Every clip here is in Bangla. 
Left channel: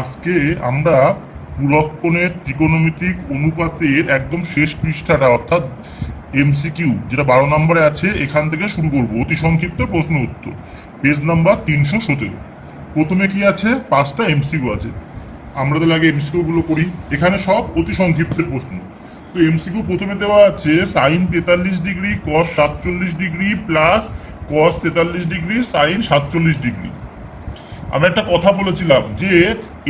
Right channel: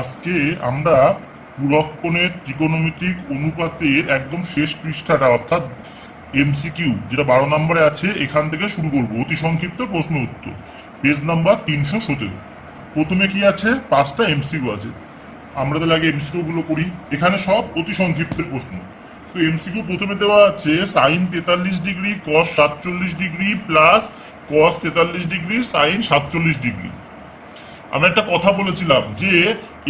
আজকে আমরা পুরক্ষণের ত্রিকোণমিতিক অনুপাতের একদম শেষ পৃষ্ঠাটা অর্থাৎ এমসিকিউ যেটা 12 নম্বরে আছে এখান থেকে শুরু করবো। অতি সংক্ষিপ্ত প্রশ্ন উত্তর, পেজ নাম্বার 317। প্রথমে কি আছে? 5টা এমসিকিউ আছে। আমরা তাহলে আগে এমসিকিউ গুলো করি। এখানে সব অতি সংক্ষিপ্তের প্রশ্ন। তো এমসিকিউ প্রথমে দেওয়া আছে sine 43 degree cos 47 degree plus cos 43 degree sine 47 degree. আমি একটা কথা বলেছিলাম যে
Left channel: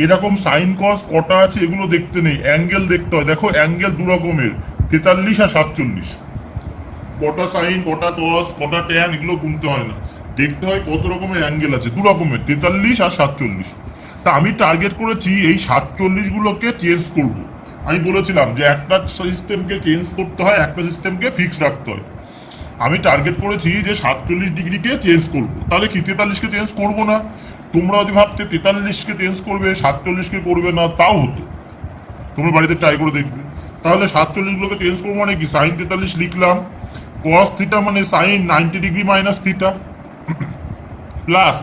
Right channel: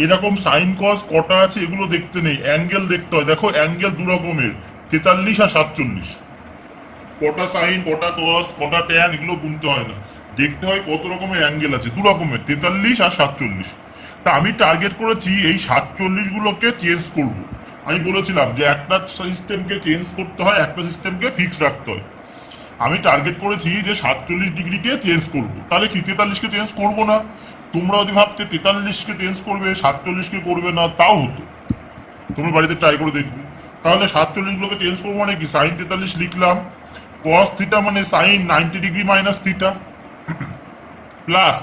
এরকম সাইন কস কটা আছে এগুলো দেখতে নেই, অ্যাঙ্গেল দেখতে হয়। দেখো অ্যাঙ্গেল দু রকমের, 43 আর 47। কটা সাইন কটা কস কটা ট্যান এগুলো গুনতে হয় না, দেখতে হয় কত রকমের অ্যাঙ্গেল আছে। দু রকমের, 43 আর 47। তা আমি টার্গেট করেছি এই 47 গুলোকে চেঞ্জ করব। আমি বলেছিলাম যে একটা সিস্টেমকে চেঞ্জ করতে হয়, একটা সিস্টেমকে ফিক্স রাখতে হয়। আমি টার্গেট করেছি যে 47 ডিগ্রিকে চেঞ্জ করবো। তাহলে কি 43কে চেঞ্জ করবো না? তোমরা যদি ভাবতে 43কে চেঞ্জ করবে 47কে করবে না, তাও হতো। তোমরা বাড়িতে ট্রাই করে দেখবে। তাহলে 47 গুলোকে চেঞ্জ করবো মানে কি, সাইন 43 লিখলাম, কস থিটা মানে sine 90 degree minus theta, plus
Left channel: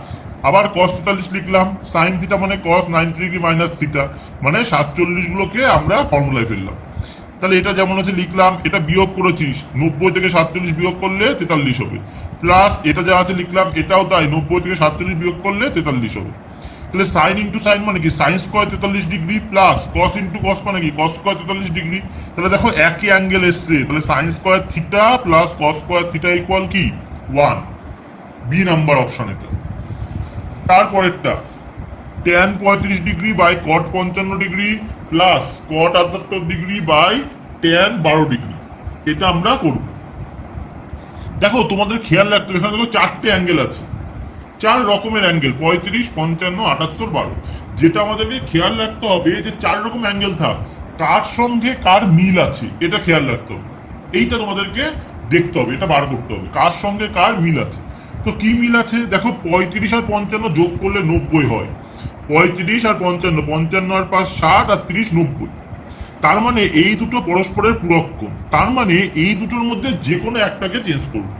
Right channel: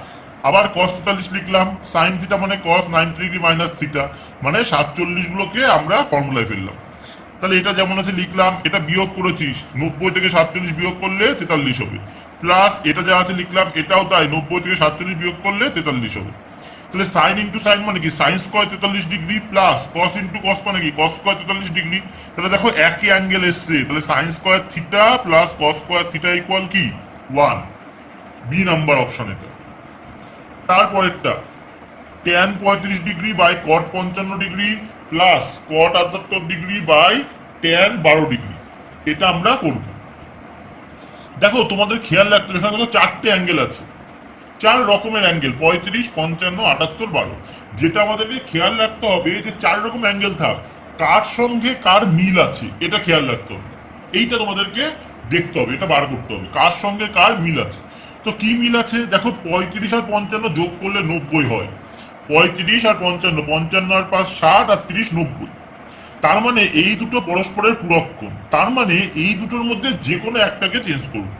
আবার কস 43 লিখলাম, সাইন থিটা মানে কস 90 ডিগ্রি মাইনাস থিটা, মানে 47 গুলোকে আমরা ফর্মুলায় ফেললাম। তাহলে এটা যেমন আছে লিখলাম, এটা বিয়োগ করেছিস, 90 থেকে 47 বিয়োগ করলে 43 হবে, প্লাস এটা যা আছে লিখলাম এটাও তাই, 90 থেকে 47 বিয়োগ করলে 43 হবে। তাহলে সাইন ইন্টু সাইন মানে কি, সাইন স্কোয়ার 43 ডিগ্রি প্লাস কস ইন্টু কস মানে কি, কস স্কোয়ার 43 ডিগ্রি। তাহলে দেখো একই অ্যাঙ্গেল এসছে, তাহলে sine square theta plus cos square theta equal কি 1। বি নাম্বার অপশন এটা। তারপরেরটা tan 35 degree by cot 55 degree plus cot 78 degree by tan 12 degree, এটা আমরা করব। দেখো তোমাদের খেয়াল রাখতে হবে, এখানে দেখো চারটে অ্যাঙ্গেল আছে, চার রকমের অ্যাঙ্গেল, 35, 55, 78, 12। যেটা আমাদেরকে খেয়াল রাখতে হবে যে চার রকম অ্যাঙ্গেল থাক, কার সঙ্গে কার মিল আছে এটা খেয়াল রাখতে হবে। এইটা তোমাদেরকে দেখতে হবে, এটা বার করতে হবে কার সঙ্গে কার মিল আছে। তো কি মিল আছে দেখো, 35 আর 55 যোগ করলে 90 হয়। 35 আর 55, 55 আর 5 60 আর 30 90। তার মানে এই দুটো পরস্পরের পূরক। তার মানে এই দুটোর মধ্যে যে কোনো একটাকে চেঞ্জ করবো,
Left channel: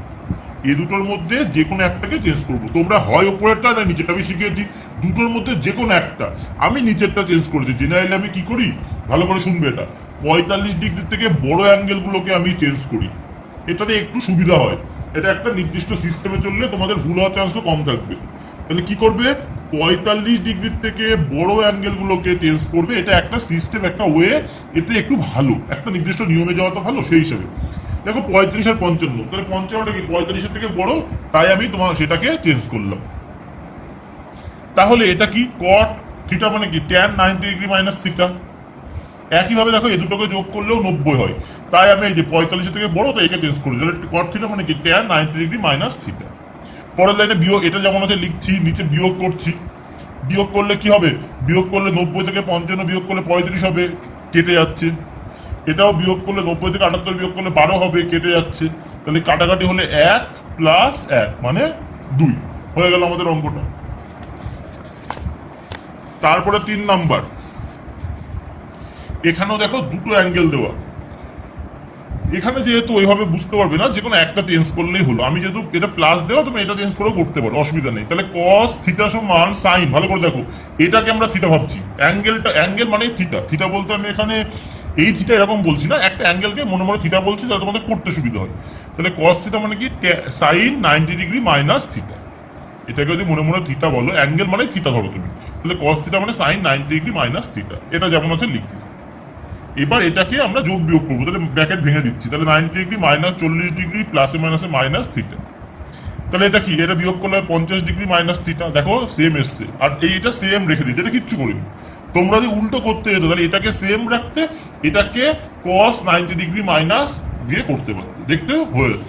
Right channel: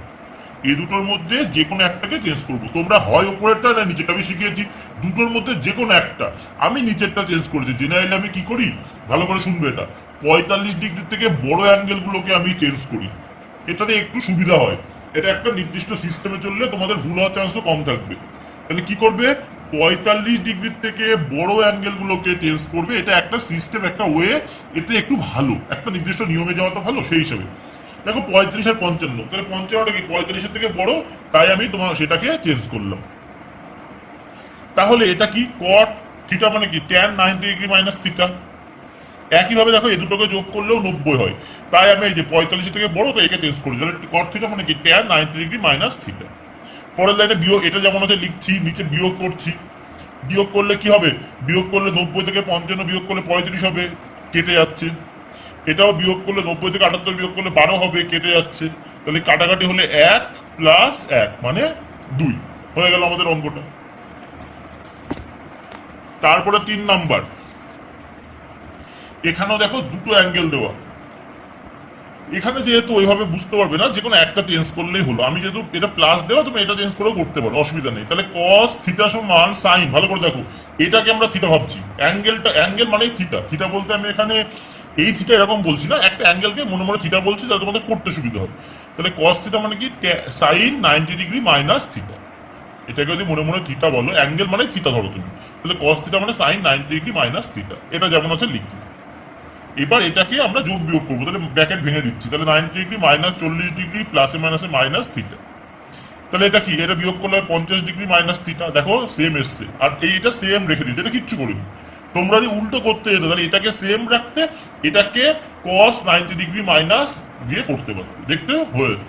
এই দুটোর মধ্যে যে কোনো একটাকে চেঞ্জ করবো। তোমরা হয় উপরেরটা না নিচেরটা, আমি শিখিয়েছি দুটোর মধ্যে যে কোনো একটা। আমি নিচেরটা চেঞ্জ করেছি। জেনারেলি আমি কি করি ভালো করে শুনবে, এটা 45 ডিগ্রি থেকে বড় অ্যাঙ্গেল গুলোকে আমি চেঞ্জ করি, এটাতে একটু সুবিধা হয়। এটা একটা নির্দিষ্ট সিস্টেমে চললে তোমাদের ভুল হওয়ার চান্সও কম থাকবে। তাহলে কি করবে, 45 ডিগ্রির থেকে বড় অ্যাঙ্গেল গুলোকে চেঞ্জ করবে। এটা একটা সিস্টেম, একটা ওয়ে, এতে একটু ভালো, একটা নির্দিষ্ট নিয়মে যাওয়া তো ভালো সেই হিসেবে। দেখো 35 আর 55, তাহলে 55টা কি 45-এর থেকে বড়, তাই আমি তোমার সেটাকে চেঞ্জ করলাম। তাহলে এটা কি কট থিটা মানে কি ট্যান 90 ডিগ্রি মাইনাস থিটা। একইভাবে দেখো এই দুটোকে যোগ করলেও 90 হয়, তাই আমি এই যে 45-এর থেকে বড়, তাই একে চেঞ্জ করি। তাহলে কট থিটা মানে কি ট্যান 90 ডিগ্রি মাইনাস থিটা। পরের লাইনে বিয়োগ, এটা যেমন আছে লিখছি, নিচে বিয়োগ করছি। বিয়োগ করলে কি হবে, বিয়োগ করলে 90 থেকে 55 বিয়োগ করলে 35 হবে, কেটে যাচ্ছে। এটাও বিয়োগ করলে 90 থেকে 78 বিয়োগ করলে 12 হবে, কেটে যাচ্ছে। তাহলে কাটাকাটি হলে 1 প্লাস 1 মানে 2 হয়ে গেল আমাদের অঙ্কটা। তারপরে 3 নাম্বার, এখানেও দেখো দুটো অ্যাঙ্গেল দেওয়া। এখানে যেহেতু ওইভাবে বুঝতে পারবে না, যে কোনো একটা চেঞ্জ করলেই হলো। আমি যেহেতু এটা প্লাস দেওয়া, তুমি এটা চেঞ্জ করেও করতে পারো, অসুবিধা নেই। তাহলে কস থিটা সমান সাইন, ভালো করে দেখো, এটাকে আমরা থিটা ভাবছি, অ্যাঙ্গেলটা অ্যাঙ্গেল মানে থিটা। থিটা বলতে আমি এখানে এই থিটা এরকম বলছি না, একটা অ্যাঙ্গেলকে মনে মনে থিটা বলছি যাতে তোমাদের করতে সুবিধা হয়। তাহলে কস থিটা মানে কি সাইন 90 ডিগ্রি মাইনাস থিটা। এটাকে যদি মনে মনে থিটা বলো, অ্যাঙ্গেল মানে থিটা ধরো তুমি, তাহলে কস থিটা মানে সাইন 90 ডিগ্রি মাইনাস থিটা। এটা যেমন আছে লিখি। এবার এটাকে আমরা যোগ বিয়োগ করবো, তাহলে ব্র্যাকেট ভেঙে দিচ্ছি। তাহলে 90 ডিগ্রি মাইনাস 40 ডিগ্রি প্লাসে মাইনাসে মাইনাস থিটা। তাহলে এটা কি, এটা বিয়োগ করলে 50 ডিগ্রি মাইনাস থিটা। দেখো সেম এসছে, আর এইটা সেম রেখে দিচ্ছে, এটা কিচ্ছু করিনি। তোমরা যদি উল্টো করতে যেত তাহলে এটাকে সেম রাখতে, এটাকে কস 90 ডিগ্রি মাইনাস দিয়ে করতে পারতো, দেখতে হয়ে যেত।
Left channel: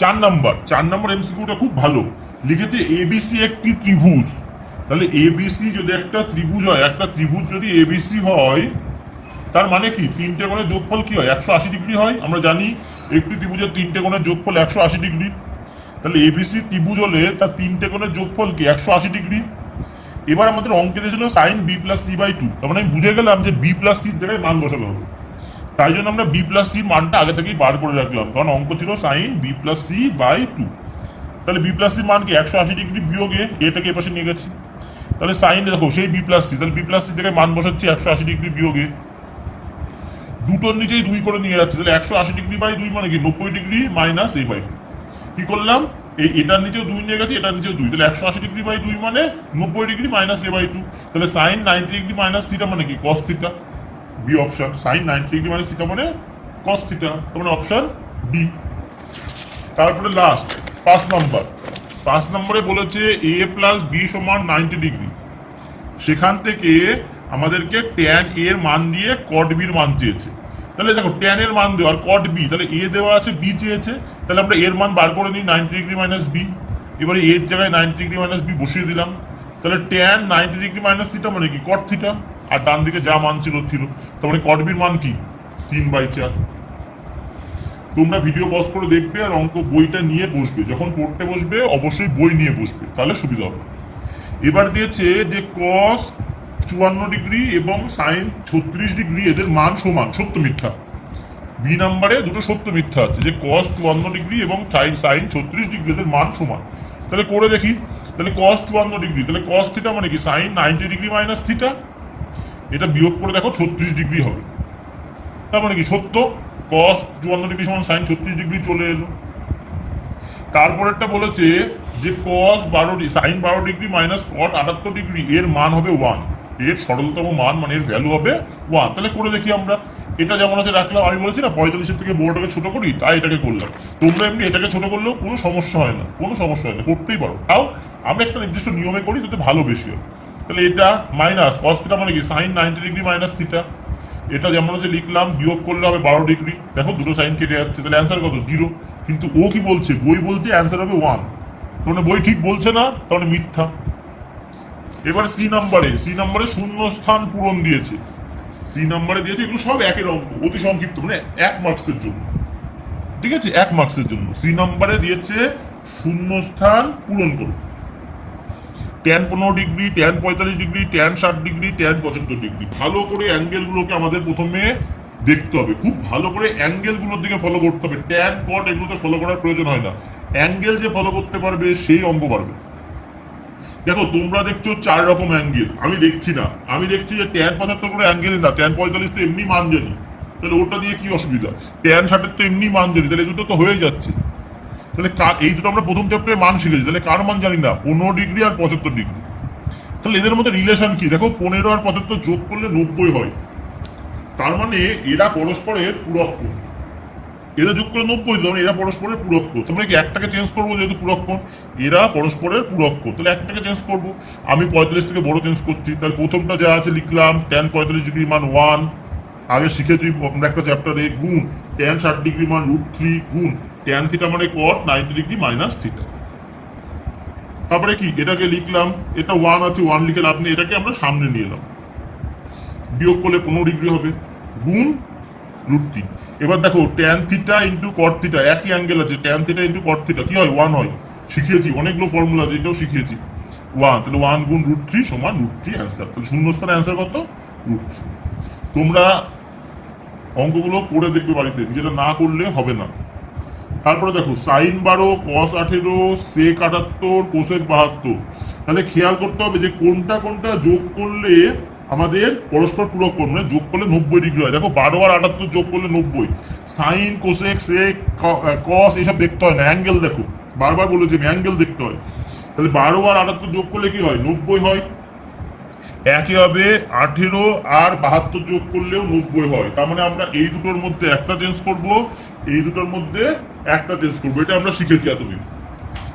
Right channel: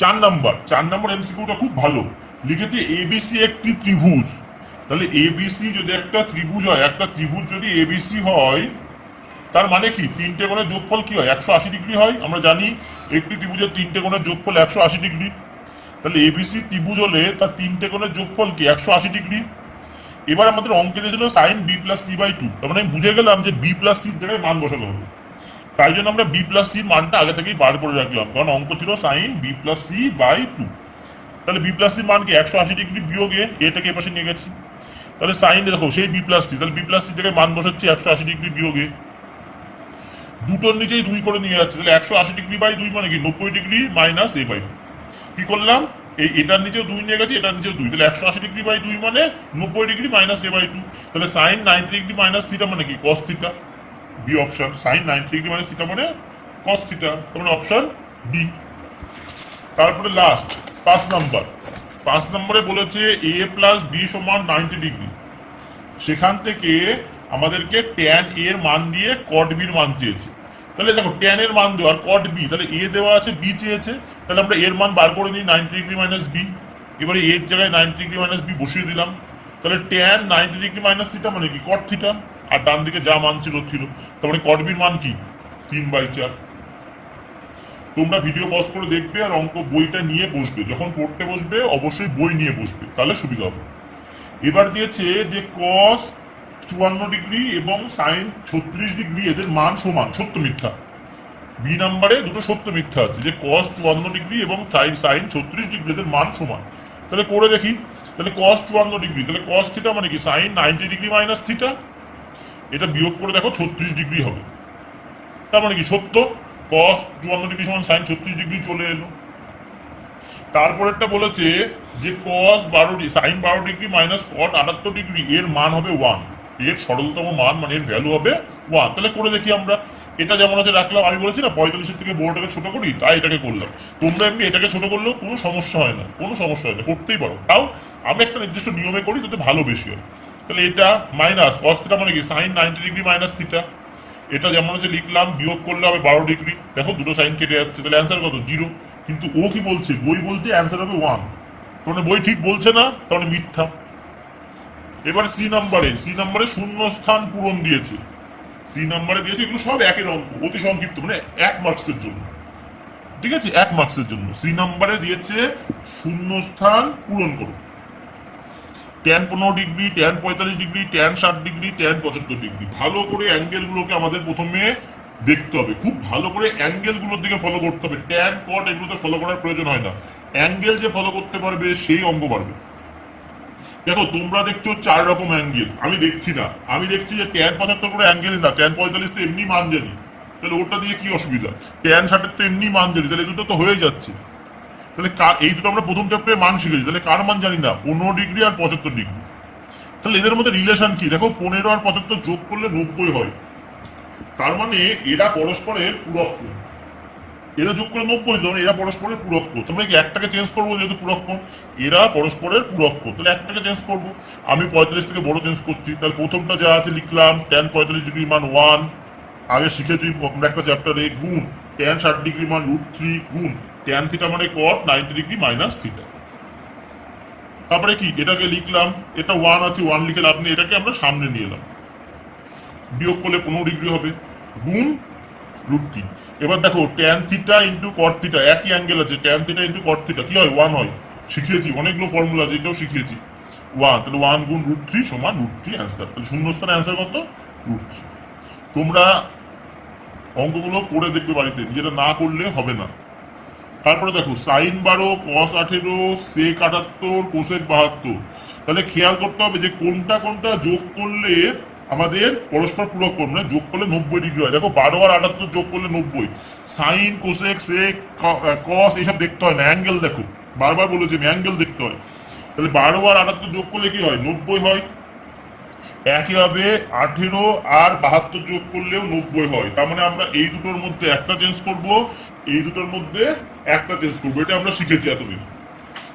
4 নাম্বার এমসিকিউটা খুব ভালো লিখেছে, এবিসি একটি ত্রিভুজ। তাহলে এবিসি যদি একটা ত্রিভুজ হয়, একটা ত্রিভুজ যদি এবিসি হয়, তার মানে কি তিনটে কোণের যোগফল কি হয় 180 ডিগ্রি হয়। আমরা জানি একটি ত্রিভুজের তিনটে কোণের যোগফল 180 ডিগ্রি। তাহলে এবিসি ত্রিভুজ হলে তার তিনটে কোণের যোগফল কি 180 ডিগ্রি। এবার আমাদের অঙ্কে দিয়েছিল sine B plus C by 2, তার মানে বুঝে গেলাম যে বি প্লাস সির জায়গায় মান বসাতে হবে। তাই জন্য আমরা বি প্লাস সির মানটা আগে থেকেই বার করে রাখলাম, কারণ অঙ্ক ছিল sine B plus C by 2। তাহলে বি প্লাস সির মান কি 180 ডিগ্রি বিয়োগে এটাকে এপাশে নিয়ে গেছি। তাহলে সাইন দেখো সেই বি প্লাস সি, তাহলে বি প্লাস সি থেকে মান বসাচ্ছি 180 ডিগ্রি বিয়োগে, দুটোর নিচেই 2 করে নিয়ে যাচ্ছে, তাহলে 180 ডিগ্রি বাই 2 মানে কি 90 ডিগ্রি মাইনাস এ বাই 2। কি করলাম, এটার নিচেও 2 নিয়ে গেছে, এটার নিচেও 2, তাহলে 180 ডিগ্রি বাই 2 মানে 90 ডিগ্রি মাইনাস এ বাই 2। তাহলে সাইন 90 ডিগ্রি মাইনাস থিটা মানে কি cos theta, B option. Sine 90 degree minus theta মানে কস থিটা, তাহলে অপশন ডি। তারপরে লাস্ট 5 নম্বরে বলেছে এ প্লাস বি সমান 90 ডিগ্রি, সেখান থেকে আমাদেরকে ট্যান এর মান দিয়ে কট বির মান চেয়েছে। তাহলে দেখো ট্যান এর মান দেওয়া আর কট বি, তাহলে এ দেওয়া আছে বি চেয়েছে, তাহলে আমরা এর মান বার করে দিই 90 ডিগ্রি মাইনাস বি। এবারে এর জায়গায় 90 ডিগ্রি মাইনাস বি বসিয়ে দিলাম, তাহলে ট্যান 90 ডিগ্রি মাইনাস থিটা মানে কি কট থিটা, আর ডান দিকে যা মান ছিল তারপরে কট বির মান কি 3/4। তোমরা ভিডিও পজ করে দেখবে আর অঙ্ক বইটা নিয়ে বসবে, যখন পড়তে বসবে অবশ্যই বই নিয়ে বসবে, তাহলে সুবিধা হবে। এবার দিয়েছে যে কস 54 ডিগ্রি এবং সাইন 36 ডিগ্রি এদের মান সমান, সত্য মিথ্যা। বি নাম্বারে দুটো সত্য মিথ্যা আছে, যে কস 54 ডিগ্রি এবং সাইন 36 ডিগ্রি এদের মান সমান। তাহলে করে দেখি, তাহলে কস 54 ডিগ্রি, তাহলে কস থিটা মানে কি সাইন 90 ডিগ্রি মাইনাস থিটা, এটা বিয়োগ করে দেখো 36 ডিগ্রি হবে, তার মানে কি সত্য, কস 54 ডিগ্রি সমান সাইন 36 ডিগ্রি চলে এলো। তারপরেরটা বলেছে যে cos 12 sine 12 degree minus cot 78 degree এর মান হবে 1, এর সরলতম মান মানে এর ভ্যালু হবে 1। তাহলে করে দেখি আমরা, এটা যেমন আছে রাখলাম, আমি বলেছি না 45-এর থেকে বড়টাকে ছোট করি, তাই এটাকে করলাম। তোমরা এমনি এটাকে ছোট করলেও কোনো সমস্যা হয় না, কোনো সমস্যা হয় না, করতেই পারো, তাও আমি একটা নির্দিষ্ট নিয়মে করি যাতে ভালো বেশি হয়। তাহলে এটা মাইনাস কস থিটা মানে কি সাইন 90 ডিগ্রি মাইনাস থিটা, এটা যেমন হচ্ছে লিখলাম, বিয়োগ করলে হবে 12 ডিগ্রি, দেখো দুটো সাইন কেটে যাচ্ছে, তাহলে অ্যান্সার কত 0। কিন্তু ও কি বলছে, বই বলছে অ্যান্সার হবে 1, মানে বই ঠিক বলছে না, তাহলে মিথ্যা। এবার সি নাম্বারে শূন্য স্থান পূরণ দিয়েছে, সি নাম্বারে দিয়েছে, এগুলো সব একের অঙ্ক, অতি সংক্ষিপ্ত, মানে 1 মার্কসের জন্য, ঠিক আছে, 1 মার্কসের জন্য। সি নাম্বারে দিয়েছে শূন্য স্থান পূরণ করো, tan 15 degree, tan 45 degree, tan 60 degree, tan 75 degree. ভালো করে অ্যাঙ্গেলগুলোকে আমাদের প্রথমে দেখতে হবে, খুব ভালো করে অ্যাঙ্গেলগুলোর দিকে ফলো করতে হবে, ট্যান কট এগুলোতে ফলো করার প্রয়োজন হয় না, অ্যাঙ্গেল যে ফলো করতে পারবে সেই অঙ্ক পারবে। দেখো তোমরা দেখছো 4 রকম অ্যাঙ্গেল, আমি দেখছি না, আমি দেখছি যে ট্যান 75 কোনো অ্যাঙ্গেল না, ট্যান 45 তো এমনি মান জানি, তাহলে ওটা দিয়ে কি অসুবিধা, ট্যান 60 তো এমনি মান জানি, তাহলে এই দুটো তো হয়ে যাচ্ছে। তাহলে এই দুটো আমরা প্রথম চ্যাপ্টারে মান শিখেছি, তাহলে কার মান জানি না, 15 ডিগ্রি আর 75 ডিগ্রি। তাহলে এদের মধ্যে রিলেশন কি দেখো, 15 আর 75 যোগ করলে 90 হয়, তার মানে এরা পরস্পরের পূরক, এরা যোগ করে 90, তখন এরা পরস্পরের পূরক। তোমরা কি একটাকে চেঞ্জ করবো, যেহেতু পূরক, এরা পরস্পরের পূরক, তাহলে একটাকে চেঞ্জ করবো। আমি 45 থেকে বড় চেঞ্জ করছি, তাহলে প্রথমটা যা আছে লিখলাম ট্যান 45 ডিগ্রি মান 1, আগে শিখেছি আমরা একটা চ্যাপ্টারে, গুণ ট্যান 60 ডিগ্রি মান √3 গুণ ট্যান থিটা মানে কট 90 ডিগ্রি মাইনাস থিটা। তারপরে কি এটাকে লিখলাম, এটা 1 আছে, 1 লিখে লাভ নেই, এটাকে আমরা সামনে নিয়ে এলাম, বিয়োগ করলে 15 ডিগ্রি হবে, গুণ √3। এবার দেখো tan theta into cot theta, একই অ্যাঙ্গেল আছে, tan theta into cot theta কি হয় 1 হয়, শিখিয়েছি অনেকগুলো ফর্মুলা আছে, এটাও শিখিয়েছি 1, তাহলে 1 গুণ √3 সমান √3 অ্যান্সার। তাহলে শূন্যস্থানে অ্যান্সার কত √3। তোমরা অঙ্কগুলো করে দেখবে বাড়িতে, যেটা না করলে হবে না। তারপরে দেখো সাইন 12, কস 18, সেক 78, কোসেক 72। তাহলে খেয়াল করতে হবে যে কোনটা কোনটা যোগ করলে আমাদের পরস্পর পূরক কোণ, মানে যোগ করলে 90 ডিগ্রি হয়। দেখো 12 আর 78 যোগ করলে 90, সাইন কোসেক সেক কস এইসব দেখতে হয় না, অ্যাঙ্গেল দেখো, বারবার বলেছি অ্যাঙ্গেল দেখতে হয়। তাহলে 12 আর 78 যোগ করলে কি হয় 90 হয়, একইভাবে 18 আর 72 যোগ করলেও 90 হয়। তার মানে আমরা এই দুটোর মধ্যে একটা চেঞ্জ করব, এই দুটোর মধ্যে একটা চেঞ্জ করবো, এটা আমরা শিখেছি এতদিন।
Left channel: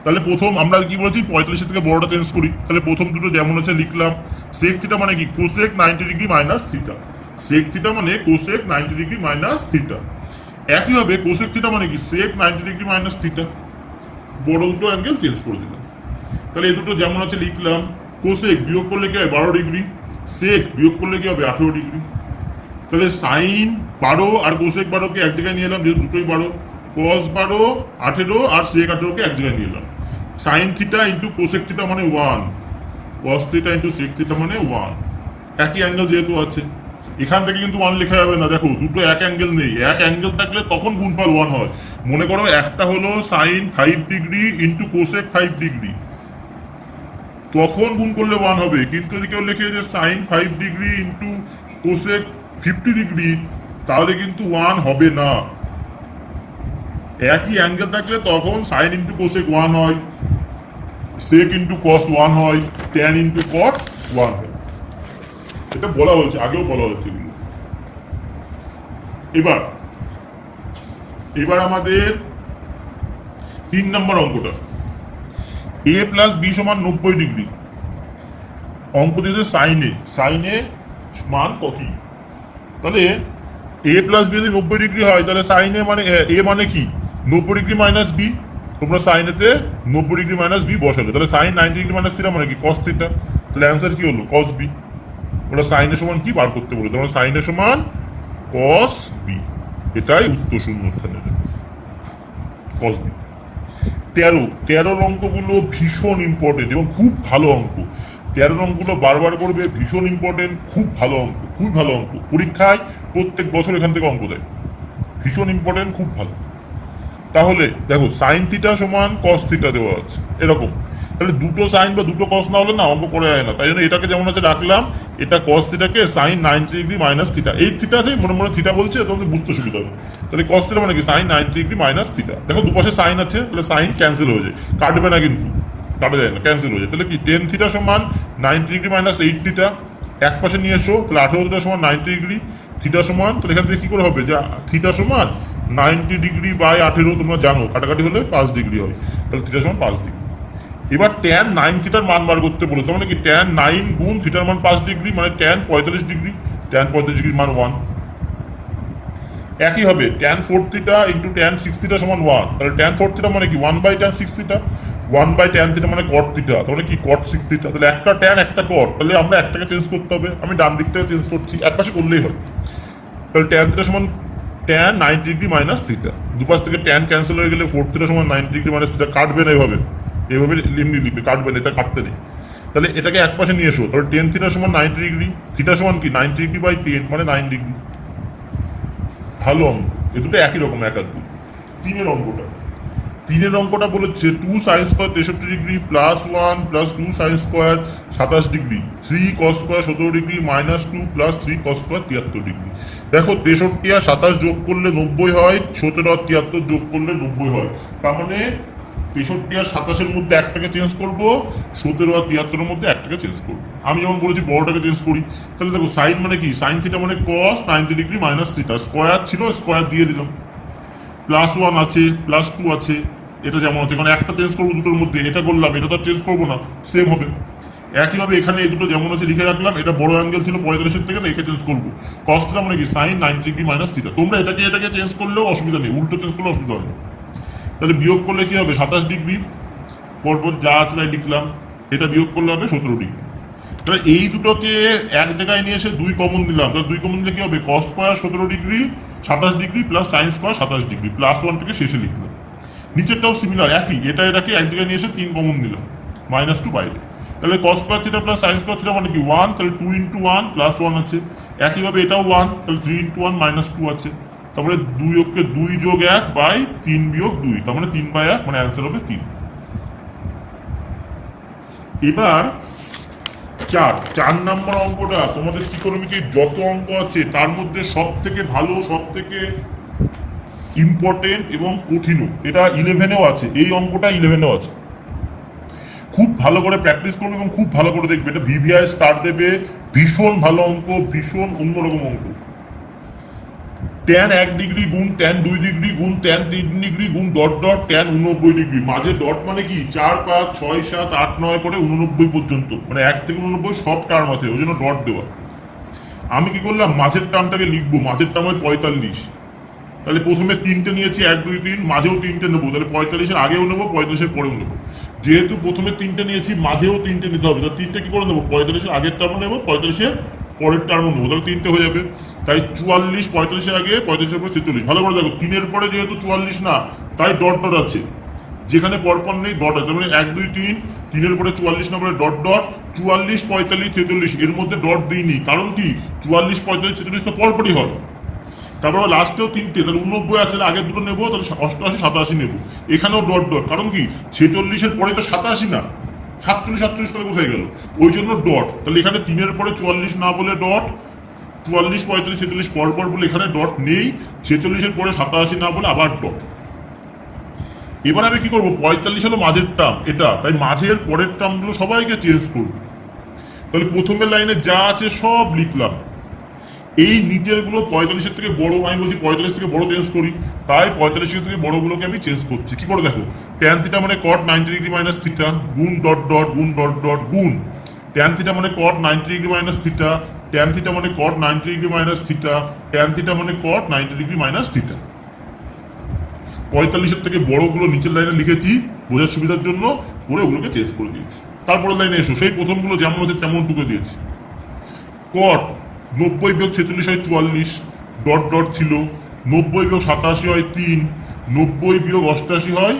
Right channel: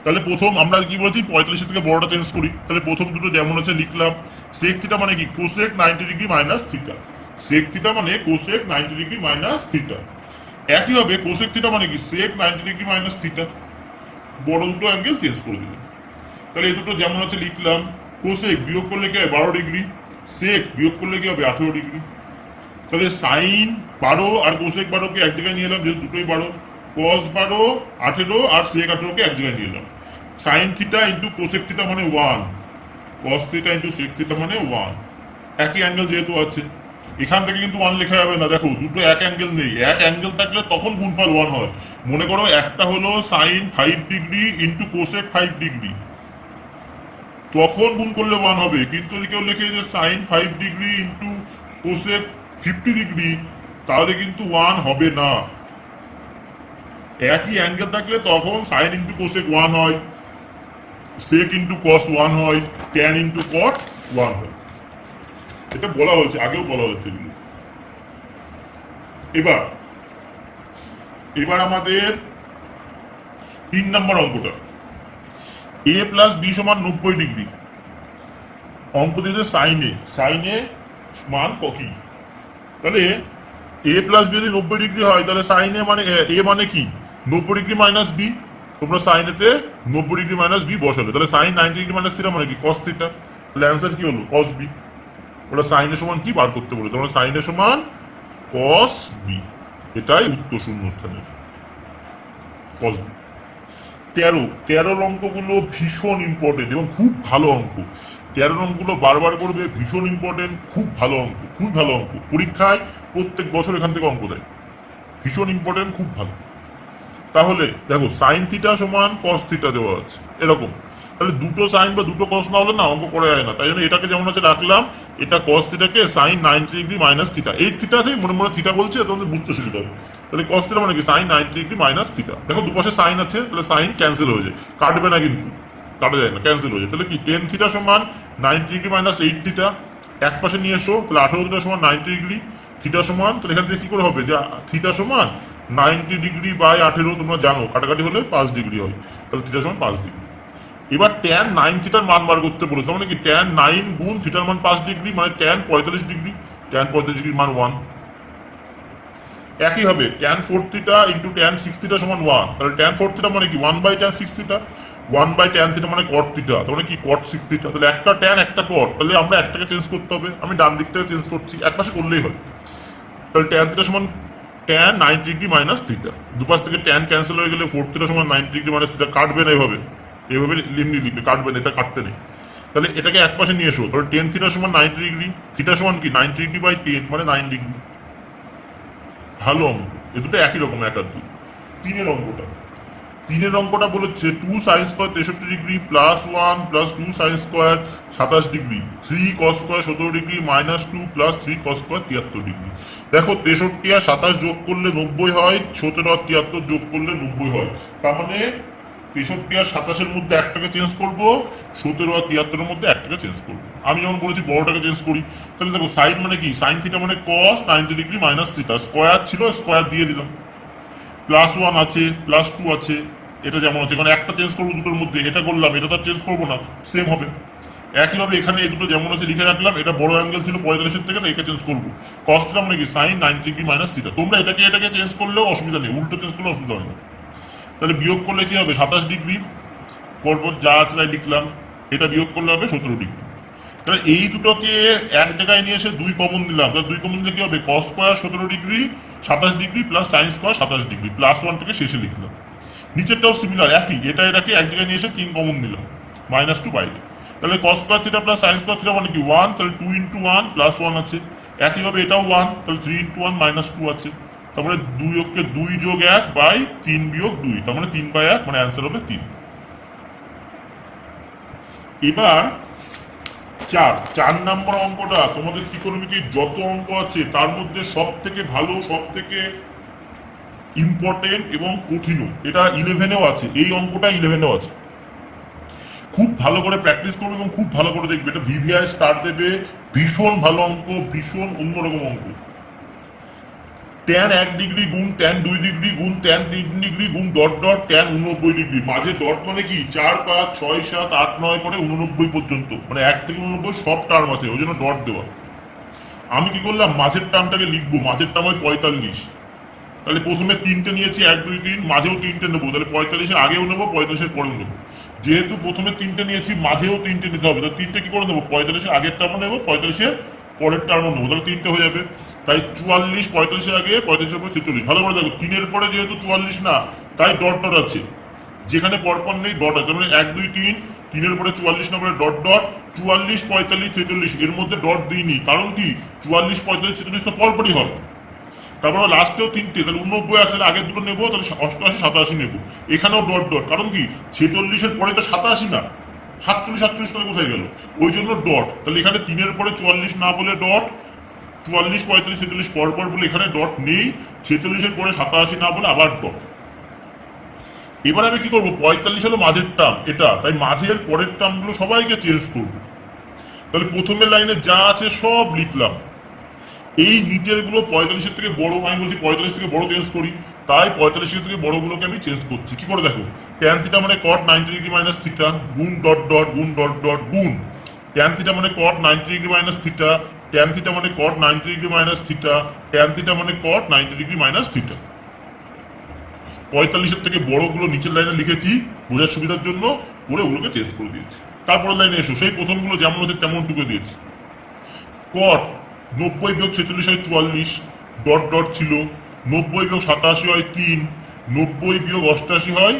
তাহলে প্রথম আমরা কি বলেছি 45 থেকে বড়টা চেঞ্জ করি, তাহলে প্রথম দুটো যেমন আছে লিখলাম, সেক থিটা মানে কি cosec 90 degree minus theta, sec theta মানে কোসেক 90 ডিগ্রি মাইনাস থিটা। একইভাবে কোসেক থিটা মানে কি সেক 90 ডিগ্রি মাইনাস থিটা, বড় দুটো অ্যাঙ্গেল চেঞ্জ করে দিলাম। তাহলে এই দুটো যেমন আছে লিখলাম, কোসেক বিয়োগ করলে কি হয় 12 ডিগ্রি, সেক বিয়োগ করলে কি হবে 18 ডিগ্রি। তাহলে সাইন 12 আর কোসেক 12কে এক জায়গায় নিয়ে এলাম, যেহেতু দুটোই 12, কস 12 18 আর সেক 18কে এক জায়গায় নিয়ে এলাম। Sine theta into cosec theta মানে 1, cos theta into sec theta মানে 1, একই অ্যাঙ্গেল যেহেতু আছে, এখান থেকে কিন্তু 1 লেখা যাবে না, দেখো দুটো এক অ্যাঙ্গেল নেই, এক অ্যাঙ্গেল থাকলে তখন গুণফল 1 হয়। মনে করো একটা হলো sine 5 degree into cosec 5 degree, তখন গুণ করলে 1 হবে। কিন্তু যদি কেউ লিখে যে sine 5 degree into cosec 50 degree, তাহলে কিন্তু 1 হবে না। একই অ্যাঙ্গেল থাকলে তখন সাইন ইন্টু কোসেক 1 হয়, সেক ইন্টু কস 1 হয়, ট্যান ইন্টু কট 1 হয়। এটা বলা হয়েছে, আগেও বলা হয়েছে। এবার এবার আমাদের 3 নম্বর অঙ্কটা, এ প্লাস বি সমান 90 ডিগ্রি। অঙ্ক দিয়েছে সাইনে মান কত? তাহলে এ প্লাস বি যদি 90 ডিগ্রি হয়, তাহলে সাইনে মানে এ মানে কি 90 ডিগ্রি মাইনাস বি। তোমরা সাইনেতে 90 ডিগ্রি মাইনাস বি বসাবে, তাহলে সাইন 90 ডিগ্রি মাইনাস থিটা মানে কি কস থিটা। তাহলে অ্যান্সার কি হলো? Cos B. ওরা সাইনের সমান কি বার করতে বলে, তোমরা সাইনের সমান কস বি, এটাই উত্তর শূন্যস্থানের কস বি। 13 অঙ্কগুলো ভীষণ ইম্পর্টেন্ট এবং খুব ভালো অঙ্ক। 13 অঙ্কগুলো বারবার করবে, ভীষণ ইম্পর্টেন্ট, খুব ভালো অঙ্ক, খুব ভালো অঙ্ক। পরীক্ষায় প্রত্যেক বছর এখান থেকে অঙ্ক দেয়, ভীষণ ইম্পর্টেন্ট, খুব ভালো। তাহলে দেখো সাইন থিটা সমান কস থিটা দেওয়া আছে এরকম, তাহলে দুটো সাইন বা দুটো কস না হলে না অঙ্ক করা যায় না। তাই জন্য এটাকে যেমন হচ্ছে রাখলাম, এটা কস থিটাকে সাইন 90 ডিগ্রি মাইনাস থিটা, এই থিটা আছে মনে মনে থিটা বলছে, তাহলে বুঝতে সুবিধা হবে। তাহলে কস থিটা মানে কি সাইন 90 ডিগ্রি মাইনাস থিটা। দেখো দুপাশে সাইন আছে, তাহলে সাইন ক্যান্সেল হয়ে যায়, কাটবে না কিন্তু, কাটা যায় না, ক্যান্সেল হয়ে যায়। তাহলে কি টেন থিটা সমান 90 ডিগ্রি মাইনাস 8 থিটা, এক পাশে নিয়ে এসো, তাহলে 18 থিটা সমান 90 ডিগ্রি, থিটা সমান, তাহলে এখান থেকে কি করে হবে যে থিটা সমান 90 ডিগ্রি বাই 18, তোমরা জানো কাটাকাটি হলে 5 ডিগ্রি হয়, তাহলে থিটা সমান 5 ডিগ্রি। এবার ট্যান 9 থিটার মান বার করতে বলো, তার মানে কি ট্যান 9 গুণ থিটার মান 5 ডিগ্রি, মানে ট্যান 45 ডিগ্রি, ট্যান 45 ডিগ্রির মান 1। একই হবে tan 4 theta into tan 6 theta সমান 1, তাহলে ট্যান 4 থিটা মানে কি 1 by tan 6 theta, 1 by tan theta মানে কট থিটা, তাহলে কি কট 6 থিটা। তাহলে একটা ট্যান একটা কট, তাহলে আমরা একটাকে চেঞ্জ করতে হবে, আমি ডান দিক থেকে চেঞ্জ করছি, এক পাশে করলেই হয়। তাহলে ট্যান থিটা সমান ট্যান 90 ডিগ্রি মাইনাস থিটা, দুপাশ থেকে ট্যান ক্যান্সেল হয়ে গেলে 4 থিটা সমান 90 ডিগ্রি মাইনাস থিটা, কাটবে না এইভাবে, এইভাবে এমনি লিখবে, কাটবে না, এটা কাটতে নেই। তাহলে এটাকে এক পাশে নিয়ে এসো, তাহলে টেন থিটা সমান 90 ডিগ্রি, থিটা সমান কি 90 ডিগ্রি বাই 10 মানে 9 ডিগ্রি। ভালো অঙ্ক, এ দুটো একই রকম, এক আর দুই। তিনের অঙ্কটা বলেছে 2 sine square 63 degree plus 1 plus 2 sign square 27 degree, 3 কস square 17 degree minus 2 plus 3 cos square 73 degree. দেখো 63 আর 27 যোগ করলে 90 হয়, 17 আর 73 যোগ করলে 90 হয়। তার মানে 63 আর 27-এর মধ্যে একটাকে চেঞ্জ করবো, 17 আর 73-এর মধ্যে একটাকে চেঞ্জ করবো। আমি যেমন বলেছি বড়টাকে চেঞ্জ করি। তাহলে দেখো সাইন মানে কি, সাইন থিটা মানে কস 90 ডিগ্রি মাইনাস থিটা, স্কোয়ার ছিল স্কোয়ার দিয়ে দিল, প্লাস 1 আছে প্লাস 2 আছে, এটা যেমন হচ্ছে, মানে একটা চেঞ্জ করবো দুটোর মধ্যে, এটা করলাম, এটা তো চেঞ্জ করবো না, সেম হবে। একইভাবে এখানে এই দুটো যেমন আছে লিখে রাখলাম, এটা বড় অ্যাঙ্গেল ছিল 45-এর থেকে, একে চেঞ্জ করবো, কস থিটা মানে কি সাইন 90 ডিগ্রি মাইনাস থিটা। তোমরা এটাকে চেঞ্জ করলেও অসুবিধা নেই, উল্টো চেঞ্জ করলে অসুবিধা হবে না। তাহলে বিয়োগ করলে কি হবে 27 ডিগ্রি, পরপর যা আছে তাই লিখলাম, এটা বিয়োগ করলে হবে 17 ডিগ্রি। তাহলে এই দুটোকে এক জায়গায় নিয়ে এসে 2 কমন দিলাম, তাহলে 2 কমন দিলে কি হবে cos square 17 degree 27 degree plus sine square 27 degree, plus 1টাকে শেষে লিখলাম। নিচেরটাও সিমিলার একই, এটাকে এক জায়গায় নিয়ে এসে 3 কমন দিলাম, মাইনাস 2 বাইরে। তাহলে কস square theta plus sine square theta মানে কি 1, তাহলে 2 ইন্টু 1 প্লাস 1 আছে। একইভাবে এটাও 1, তাহলে 3 ইন্টু 1 মাইনাস 2 আছে। তারপরে 2 যোগ 1 বাই 3 বিয়োগ 2, তার মানে 3 বাই 1, মানে অ্যান্সার হবে 3। এবার 4 নম্বর অঙ্কটা, তোমাদের ত্রিকোণমিতির যত অঙ্ক আছে তার মধ্যে সব থেকে ভালো, সব থেকে ইম্পর্টেন্ট এবং কঠিনও। এটা 11-এও আছে, এই অঙ্কটা 11-এও আছে। খুব ভালো করে প্র্যাকটিস করবে এবং খুব ভালো করে দেখবে, এটা ভিভিআই স্টার দেবে, ভীষণ ভালো অঙ্ক, ভীষণ অন্যরকম অঙ্ক। ট্যান 1 ডিগ্রি গুণ ট্যান 2 ডিগ্রি গুণ ট্যান 3 ডিগ্রি গুণ ডট ডট ট্যান 89 ডিগ্রি, মাঝে ডট মানে কি 4 5 6 7 8 9 করে 89 পর্যন্ত, মানে 1 থেকে 89 সব টার্ম আছে, ওই জন্য ডট দেওয়া। আমি কি করলাম, মাঝের টার্মটাকে লিখবো, মাঝের টার্ম হয় 45। তাহলে প্রথমে 3টে নিয়েছি 1 2 3, মাঝেও 3টে নেবো, তাহলে 45-এর আগেও নেবো 45-এর পরেও নেবো। যেহেতু প্রথমে 3টে নিয়েছি মাঝেও 3টে নিতে হবে, তাহলে 3টে কি করে নেবো, 45-এর আগের টার্মও নেবো 45-এর পরের টার্মও নেবো, তাহলে 3টে হয়ে যাবে। তাই 44 45-এর আগে 45-এর পরে 46। ভালো করে দেখো 3-এর পরে যেহেতু 44 না, তাই ডট ডট আছে, যেখানে পরপর নেই ডট আছে, তারপরে 1 2 3, 3-এর পরে 44 নম্বরে ডট ডট, 44 45 46 এর মধ্যে ডট দিইনি, কারণ কি 44 45 46 তো পরপরই হয়। তারপরে লাস্টেও 3টে, তাহলে 89 আছে, আগের দুটো নেবো, তাহলে 88 87 নেবো, এখানেও ডট ডট, কারণ কি 46-এর পরে তো 87 না, 47 47 তাহলে কোথায় গেল? ওই জন্য ডট। তাহলে এখানে 3-এর পরে 44 না বলে ডট, 44 45 46 পরপর বলে এখানে ডট নেই, 46-এর পরে 87 না বলে আবার ডট। এবার আমি কি করবো, 45 হলো মাঝের টার্ম এটা, তাই মাঝের পরের টার্মগুলো সবাইকে চেঞ্জ করবো। তাহলে প্রথমের লাইনে যা আছে সব লিখলাম, এই নিচের গুলো 45-এর থেকে বড়, আমি বলছি 45 থেকে বড় চেঞ্জ করি, তাই 45-এর থেকে বড়গুলোকে আমি চেঞ্জ করছি। কি করে দেখো, ট্যান থিটা মানে কট 90 ডিগ্রি মাইনাস থিটা গুণ ডট ডট গুণ ডট ডট গুণ ট্যান থিটা মানে কট 90 degree minus theta, tan theta মানে কট 90 degree minus theta, tan theta মানে কট 90 ডিগ্রি মাইনাস থিটা। 45-এর থেকে বড়গুলো নিচের লাইনে লিখেছি বোঝার সুবিধার জন্য, পরে ওগুলোকে চেঞ্জ করে দিয়েছি। তারপরে লাইনে এসো, সেই প্রথমগুলো যেমন হচ্ছে তেমন টুকে দিয়েছি। কট 90 বিয়োগ 46 হয় 44, ডট ডট ছিল, 90 বিয়োগ 87 হয় 3, 90 বিয়োগ 88 হয়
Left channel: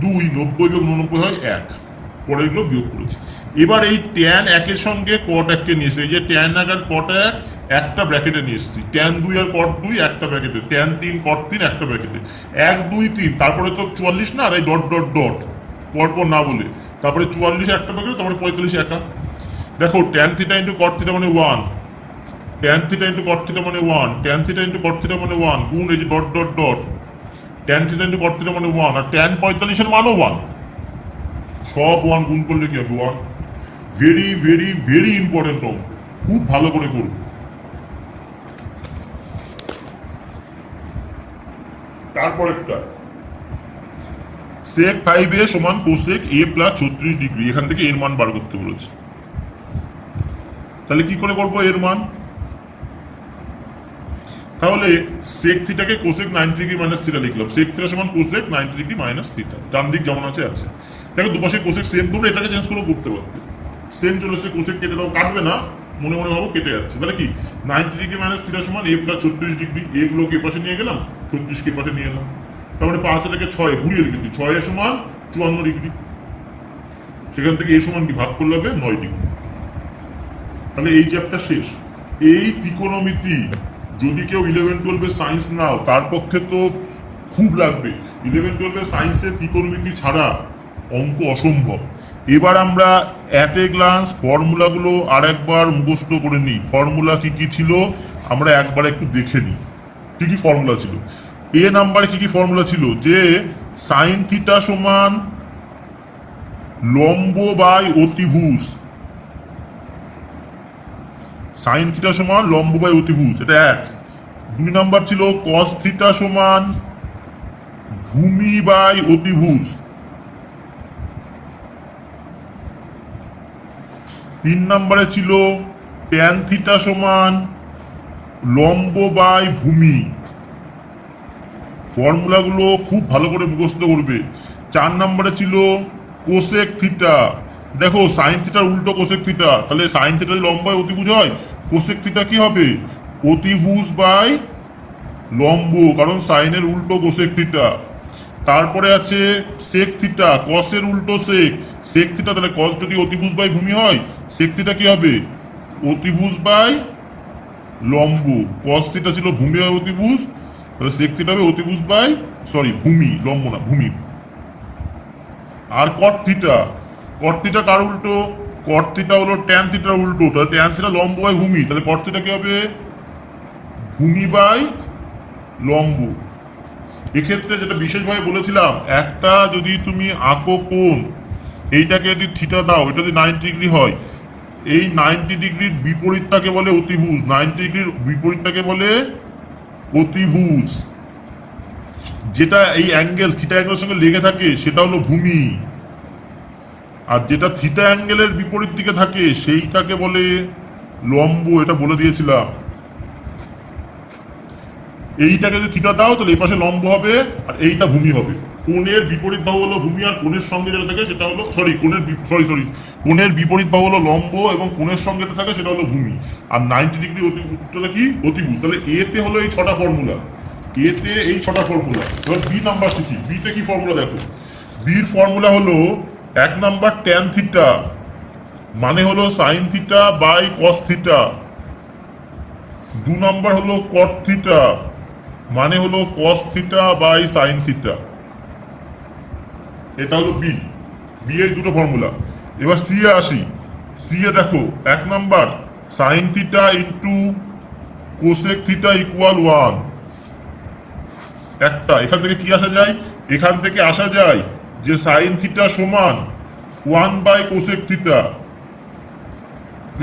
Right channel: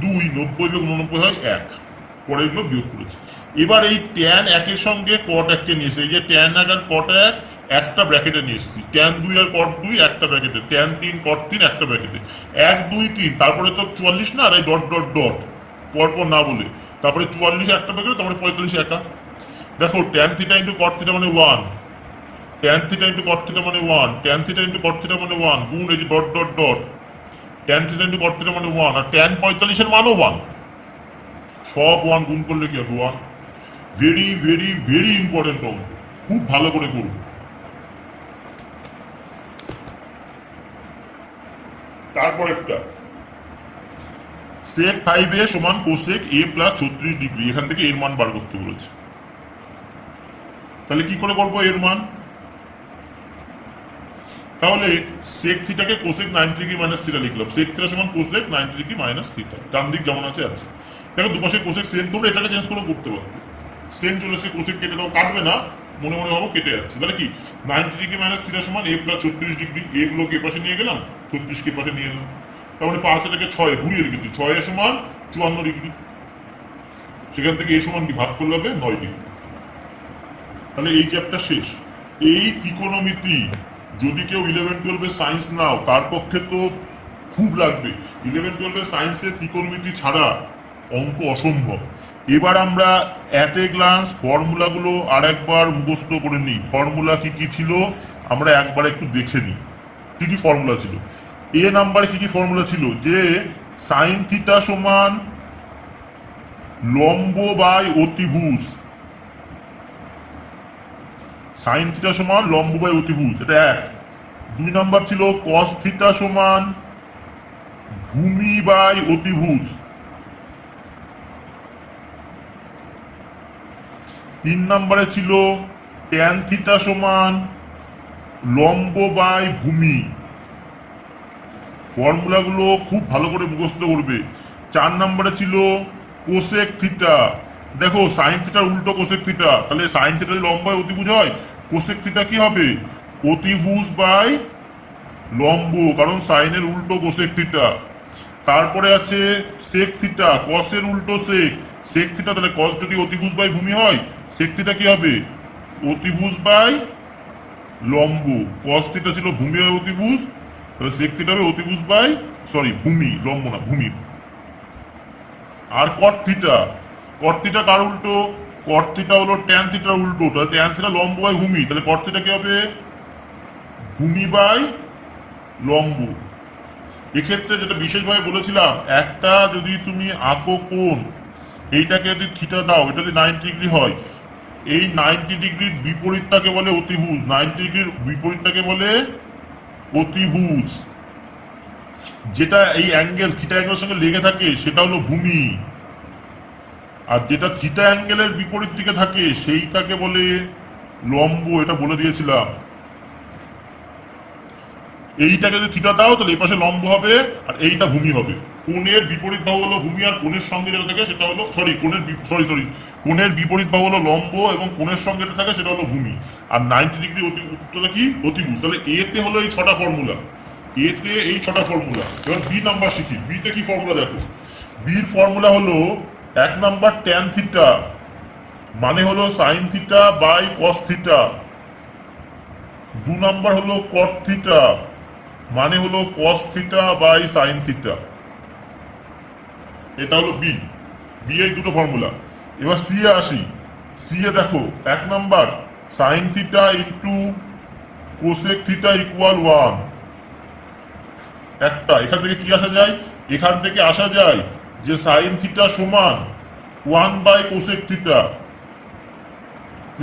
2, 90 বিয়োগ 89 হয় 1। পরে এগুলো বিয়োগ করেছি। এবার এই ট্যান 1-এর সঙ্গে কট 1-কে নিয়ে এসেছি, এই যে ট্যান 1 আর কট 1 একটা ব্র্যাকেটে নিয়ে এসেছি, ট্যান 2 আর কট 2 একটা ব্র্যাকেটে, ট্যান 3 কট 3 একটা ব্র্যাকেটে, 1 2 3, তারপরে তো 44 না, তাই ডট ডট ডট পরপর না বলে, তারপরে 44 একটা ব্র্যাকেটে, তারপরে 45 একা। দেখো tan theta into cot theta মানে 1, tan theta into cot theta মানে 1, tan theta into cot theta মানে 1 গুণ এই যে dot dot dot, tan theta into cot theta মানে 1, আর ট্যান 45-এর মানও 1, সব 1 গুণ করলে কি হবে 1। ভেরি ভেরি ভেরি ইম্পর্টেন্ট, খুব ভালো করে করবো। তারপর একটা sec 5a সমান cosec a প্লাস 36 ডিগ্রি, এখান থেকে এর মান বার করতে বলেছে। তাহলে কি করে করবো এর মান, তাহলে sec থিটাকে cosec 90 degree minus theta লিখলাম, sec থিটা সমান cosec 90 ডিগ্রি মাইনাস থিটা, ডান দিক যেমন আছে আছে। দেখো দুপাশে cosec সেম, তোমরা এটাকে চেঞ্জ করে করতে পারো, সেম চলে এসে cosec কেটে দাও, কাটবে না, মনে মনে ভাবো কেটে যাচ্ছে। তাহলে কি 90 ডিগ্রি মাইনাস থিটা সমান a প্লাস 36 ডিগ্রি, a গুলোকে পাশে নিয়ে গেলাম, 36 কে পাশে নিয়ে এলাম, তারপরে 5 এটাকে 6 ঘুরিয়ে লিখেছি, 6 এর সমান 54 ডিগ্রি, সেখান থেকে a সমান কি ভাগ করলে হবে 9 ডিগ্রি। তাহলে এই চ্যাপ্টার শেষ। এই ত্রিকোণমিতি যদি কেউ 11-12 সায়েন্স নাও তার পক্ষে তো খুব লাগবে, 11-12 সায়েন্সে ত্রিকোণমিতি ছাড়া অঙ্ক অসম্ভব। এবার আমরা অ্যাট এ গ্লান্স ফর্মুলাগুলো আর একবার মুখস্থ করে নিই। ফর্মুলা কি কি ছিল আমরা একবার একটু দেখে নিই, কি কি ফর্মুলা ছিল। এ নাম্বারে কি কি ফর্মুলা ছিল, যে সাইন থিটা সমান লম্ব বাই অতিভুজ, সাইন থিটা সমান লম্ব বাই অতিভুজ, এটা এক। 2 নাম্বার ছিল কস থিটা সমান ভূমি বাই অতিভুজ। 3 নাম্বারে ছিল ট্যান থিটা সমান লম্ব বাই ভূমি। ফর্মুলাগুলো খুব ভালো করে মুখস্থ করবে। 4 নাম্বারে ছিল কোসেক থিটা, দেখো সাইন থিটার উল্টো কোসেক থিটা, তাহলে সাইন থিটা যদি লম্ব বাই অতিভুজ হয়, কোসেক থিটা কি হবে অতিভুজ বাই লম্ব, কারণ সাইনের উল্টো কোসেক থিটা। তারপরে আছে সেক থিটা, কসের উল্টো সেক, সেক থিটা, তাহলে কস যদি অতিভুজ বাই ভূমি হয়, সেক থিটা কি হবে অতিভুজ বাই লম্ব। কস থিটা ছিল ভূমি বাই অতিভুজ, তাহলে সেক থিটা হবে অতিভুজ বাই ভূমি, লম্ব না ভূমি। আর কট থিটা, কট থিটা কার উল্টো, কট থিটা হলো ট্যান থিটার উল্টো, তাহলে ট্যান থিটা লম্ব বাই ভূমি, তাহলে কট থিটা কি হবে ভূমি বাই লম্ব। এক্ষেত্রে যেটা বিশেষভাবে বলেছিলাম, একটা যদি তুমি আঁকো কোণ, এইটাকে যদি থিটা দাও, এটা যদি 90 ডিগ্রি হয়, এই 90 ডিগ্রির বিপরীতটাকে বলে অতিভুজ, 90 ডিগ্রির বিপরীতটাকে বলে অতিভুজ। যেটা এই অ্যাঙ্গেল থিটা অ্যাঙ্গেলের সঙ্গে লেগে থাকে সেটা হলো ভূমি, আর যেটা থিটা অ্যাঙ্গেলের বিপরীত দিকে থাকে সেইটাকে বলে লম্ব, এটা বলে দিয়েছিলাম। এইটাকে যদি থিটা দাও তাহলে এই পাশে লম্ব হবে আর এইটা ভূমি হবে। কোণের বিপরীত বাহু হলো ভূমি, আর কোণের সঙ্গে যেটা থাকে সেটা হলো কোণের বিপরীত বাহু হলো লম্ব এবং কোণের সঙ্গে যেটা থাকে সেটা হলো ভূমি। আর 90 ডিগ্রি অতিভুজটা কি অতিভুজ। তাহলে এতে হলো এই 6টা ফর্মুলা, এতে এই 6টা ফর্মুলা। এবার বি নাম্বার শিখি, বিতে কি ফর্মুলা দেখো। বির ফর্মুলা হলো 1 নাম্বার ট্যান থিটা মানে হলো sine theta by cos theta. 2 number হলো কট থিটা মানে হলো cos theta by sine theta. এটা হলো বি, বি এই দুটো ফর্মুলা। এবার সি এ আসি। সি এ দেখো 1 number sign theta into cosec theta equal 1। একটা এখান থেকে কি আসা যায়, এখান থেকে আসা যায় যে সাইন থিটা সমান 1 বাই কোসেক থিটা।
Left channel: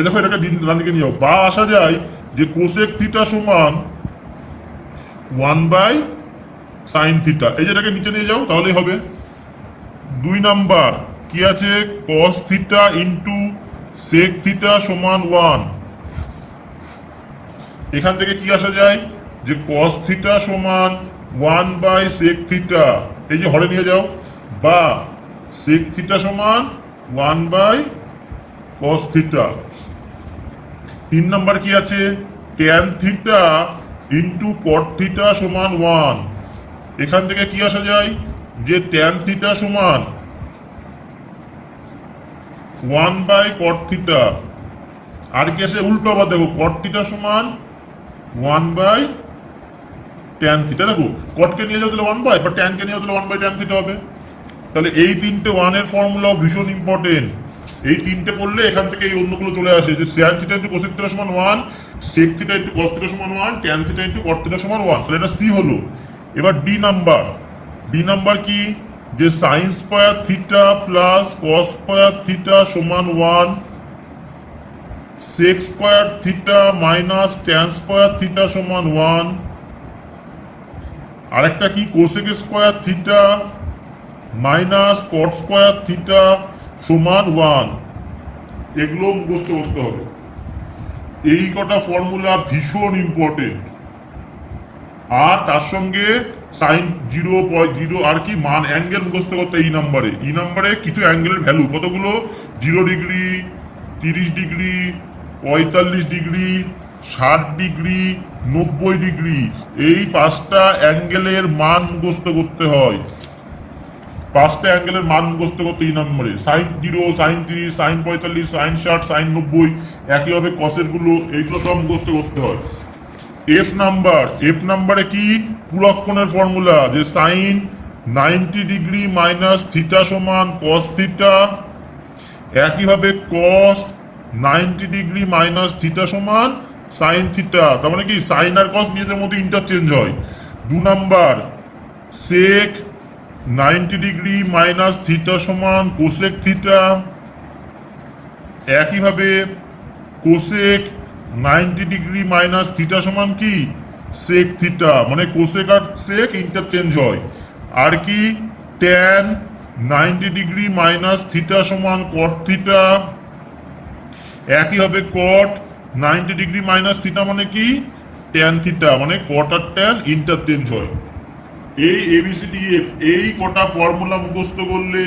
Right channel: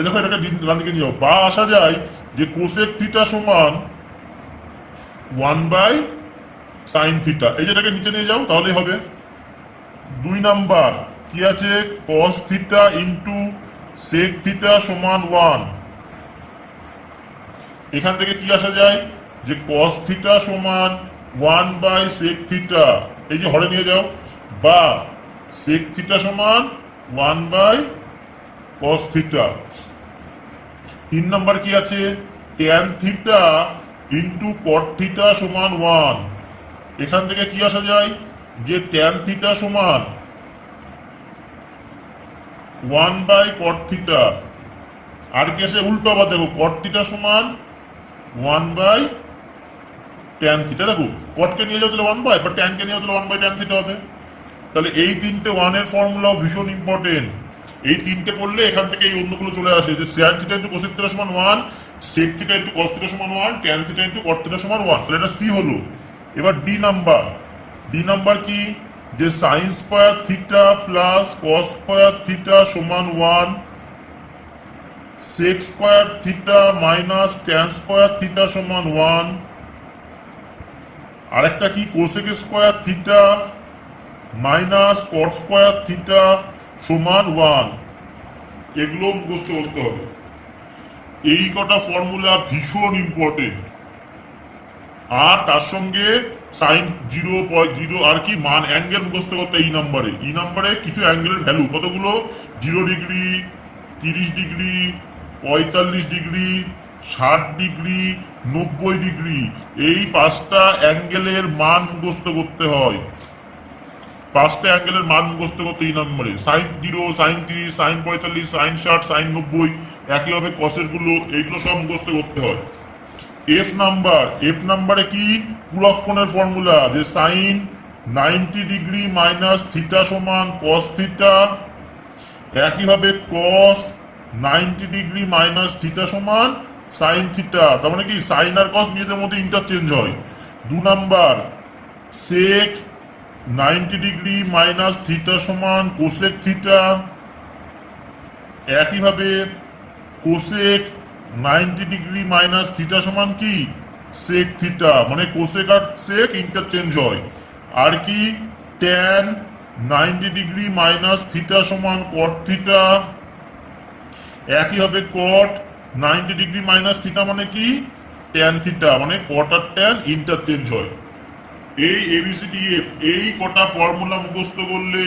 দেখো এটাকে ডান দিকে নিয়ে যাও। বা আসা যায় যে কোসেক থিটা সমান 1 বাই সাইন থিটা। এই যেটাকে নিচে নিয়ে যাও তাহলেই হবে। 2 নাম্বার কি আছে, cos theta into sec theta সমান 1। এখান থেকে কি আসা যায় যে কস থিটা সমান 1 বাই সেক থিটা। এই যে হরে নিয়ে যাও। বা সেক থিটা সমান 1 বাই কস থিটা। 3 নাম্বার কি আছে, tan theta into cot theta সমান 1। এখান থেকে কি আসা যায় যে ট্যান থিটা সমান 1 বাই কট থিটা। আর কি আসে উল্টো, আবার দেখো কট থিটা সমান 1 বাই ট্যান থিটা। দেখো কটকে নিয়ে যাও তাহলে 1 বাই, বা ট্যানকে নিয়ে যাও তাহলে 1 বাই ট্যান থিটা হবে। তাহলে এই 3টে 1 এর ফর্মুলাও ভীষণ ইম্পর্টেন্ট। এই 3টে পড়লে এখান থেকে এই অন্যগুলো চলে আসে, যে sine theta into cosec theta সমান 1, sec theta into cos theta সমান 1, tan theta into cot theta সমান 1। তাহলে এটা সি হলো। এবার ডি নাম্বার। ডি নাম্বার কি, যে sine square theta plus cos square theta সমান 1, sec square theta minus tan square theta সমান 1। আরেকটা কি, cosec square theta minus cot square theta সমান 1। এগুলো মুখস্থ করতে হবে। এই কটা ফর্মুলা ভীষণ ইম্পর্টেন্ট। আর তার সঙ্গে সাইন 0.0 আর কি মান অ্যাঙ্গেল মুখস্থ করতে। এই নাম্বারে কিছু অ্যাঙ্গেলের ভ্যালু কতগুলো, 0 degree, 30 degree, 45 degree, 60 degree, 90 degree. এই 5টা অ্যাঙ্গেলের মান মুখস্থ করতে হয়। 5টা অ্যাঙ্গেলের মান মুখস্থ করতে এই নম্বরে। Sine 0, sine 30, sine 45, sine 60, sine 90, একইভাবে কসের গুলো, এইগুলো সব মুখস্থ করতে হয়। এফ নাম্বারে কি, পূরক কোণের ফর্মুলা, যে সাইন 90 ডিগ্রি মাইনাস থিটা সমান কস থিটা। একইভাবে কস 90 ডিগ্রি মাইনাস থিটা সমান সাইন থিটা। তার মানে কি সাইন আর কস নিজেদের মধ্যে ইন্টারচেঞ্জ হয়। 2 নাম্বার সেক 90 ডিগ্রি মাইনাস থিটা সমান কোসেক থিটা। একইভাবে কোসেক 90 ডিগ্রি মাইনাস থিটা সমান কি সেক থিটা, মানে কোসেক আর সেক ইন্টারচেঞ্জ হয়। আর কি ট্যান 90 ডিগ্রি মাইনাস থিটা সমান কট থিটা। একইভাবে কট 90 ডিগ্রি মাইনাস থিটা মানে কি ট্যান থিটা, মানে কট আর ট্যান ইন্টারচেঞ্জ হয়। এই এবিসিডিএফ এই কটা ফর্মুলা মুখস্থ করলে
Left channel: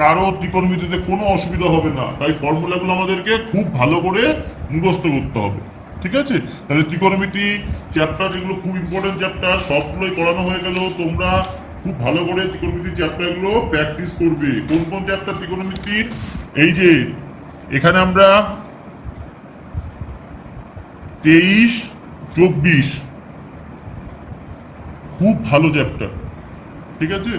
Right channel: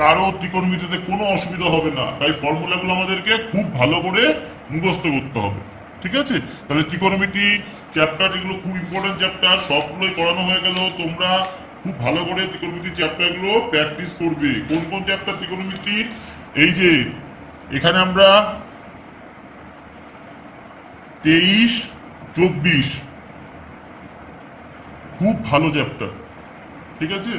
কারো ত্রিকোণমিতিতে কোনো অসুবিধা হবে না। তাই ফর্মুলাগুলো আমাদেরকে খুব ভালো করে মুখস্থ করতে হবে। ঠিক আছে, তাহলে ত্রিকোণমিতি চ্যাপ্টার যেগুলো খুব ইম্পর্টেন্ট চ্যাপ্টার সবগুলোই করানো হয়ে গেল। তোমরা খুব ভালো করে ত্রিকোণমিতি চ্যাপ্টারগুলো প্র্যাকটিস করবে। কোন কোন চ্যাপ্টার ত্রিকোণমিতির, এই যে এখানে আমরা 23, 24 খুব ভালো চ্যাপ্টার। ঠিক আছে।